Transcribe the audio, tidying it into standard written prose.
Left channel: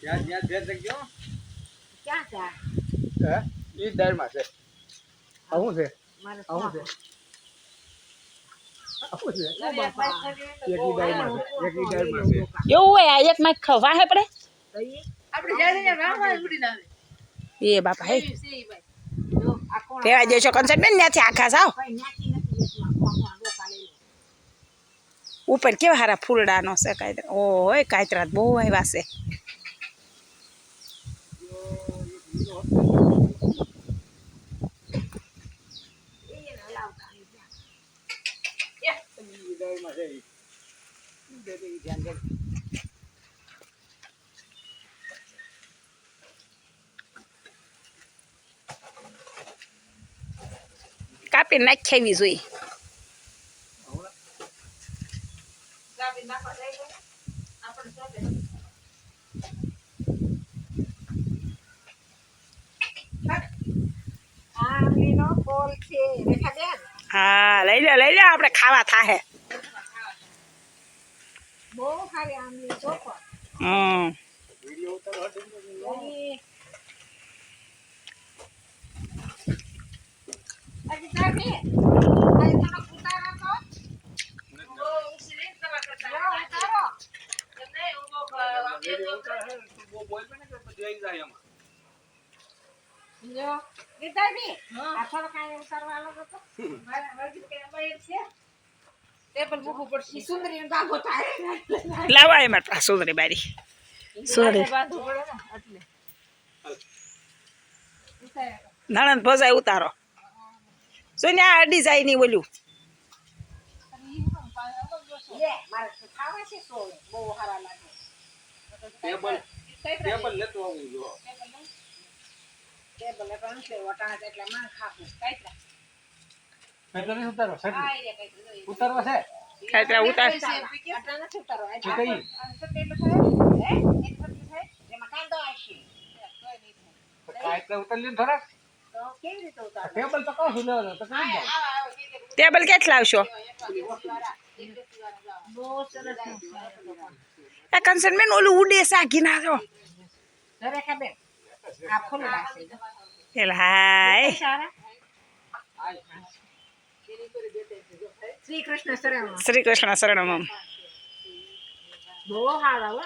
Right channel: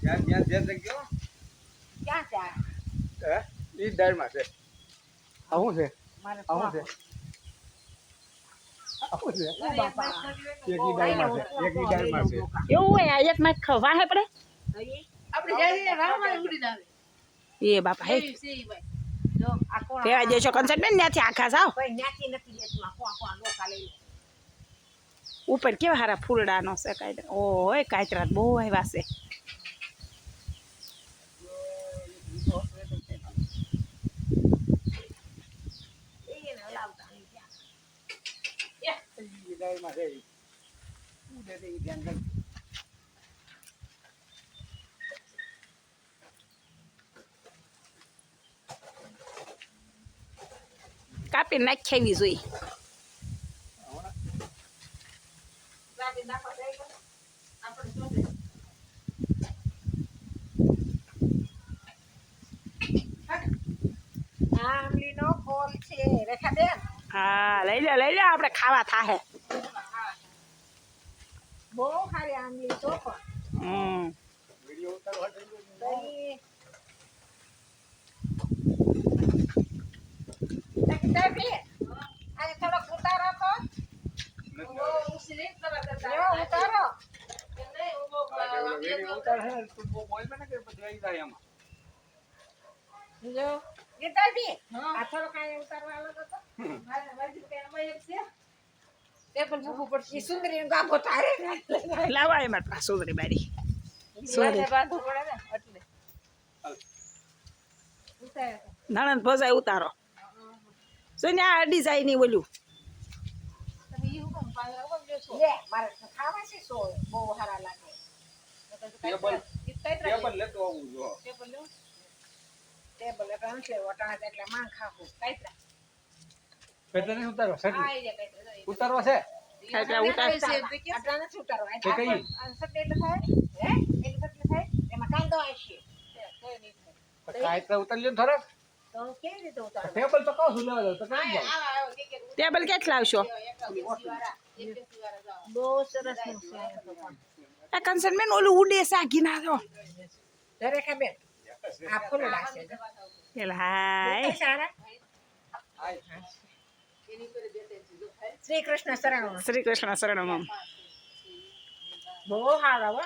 ત્યાં ત્યાં જે જગ્યો ક્યાં ચા હે ઈ દાળમાં છે આવું છે મારે આવું છે આવું છે ઓ બાપા એક ઈ દાળમાં છે એક ઈ દાળમાં છે એવું હોય આ એક માં વાહે પડે આપણે જાય રામા ઉડી ના એ બાપા હે જો આ કોણ પેવા દેશો કન્સર્ટ બેન ત્યાંથી આખા જાવ કઈ નાખી નથી એટલા કોણ ડોકા લઈ લે ઉપર કેવા હારા ફૂલડાનો છે કાયતરા ઓય કાયતરા બહુ આવ્યા છે એને લાવતા નહીં ત્યાં ઈ દાળમાં છે ઈ દે ઈ ધ્યાન કર કાપી નાખેવી જોઈએ ચાબી નાખવા લઈ ગયો આપણે જોડે આમલીનો ફોલ છે રેખાબેન હા લઈ લે આપણે ખાવા થાહે બહુ સારી આમલી ચોખો વિડિયો ઉતારો હટ તાકી તાકી આ થોડો ઉતારો તો ઉતારો વિડિયો ઉતારો હે તું બોલ મે ને કે બધું આવી જાય એમાં જો ગીતાજી આ થોડો કાંઈ ઉતારવા આલો તો મારા વર્ગી કે અમય છે ટેબલ મૂકવું પડશે ઈ સુંદરી ગાગો તારે લાવા એમાં સુંદરી બારી સુંદરી બાંધવું પડે ને એટલે નણંદ ભજાય ઉતારો જો ને આ અડી જાય ની બોલ્યું લે મારે ખાવા છે સો બહુ સારા લાગે ટેબલ લેતો આવું જો ટેબલ એટલે અંશે વટાણા એટલે માં ખાવું કાઈતરા પેટલે નહીં ઉતારો સટલી ઉતારવા છે કાયતરા ઉતાર આટલા નથી ઉતારવા તો કઈ સટલી એટલે થાય હે એક સટલી થાય એમાં કાંદો આવશે કોઈ નહીં થાય તો કાય તો ઉતારી લ્યો ને થોડાક તો કેવી રીતે ઉતારવા ટેબલ તો કહું ન તો કઈ જાવ ટેબલ કેટલા લાવશો બહુ સરસ આ કન્સર્ટ બેન ઓલું ઉડે સાગી ના જો જરે કે બેન આ ફૂલડા છે એલા હાય સારા શ્રી કૃષ્ણ શરણ શ્રી કૃષ્ણ શરણમ બહુ સારા હો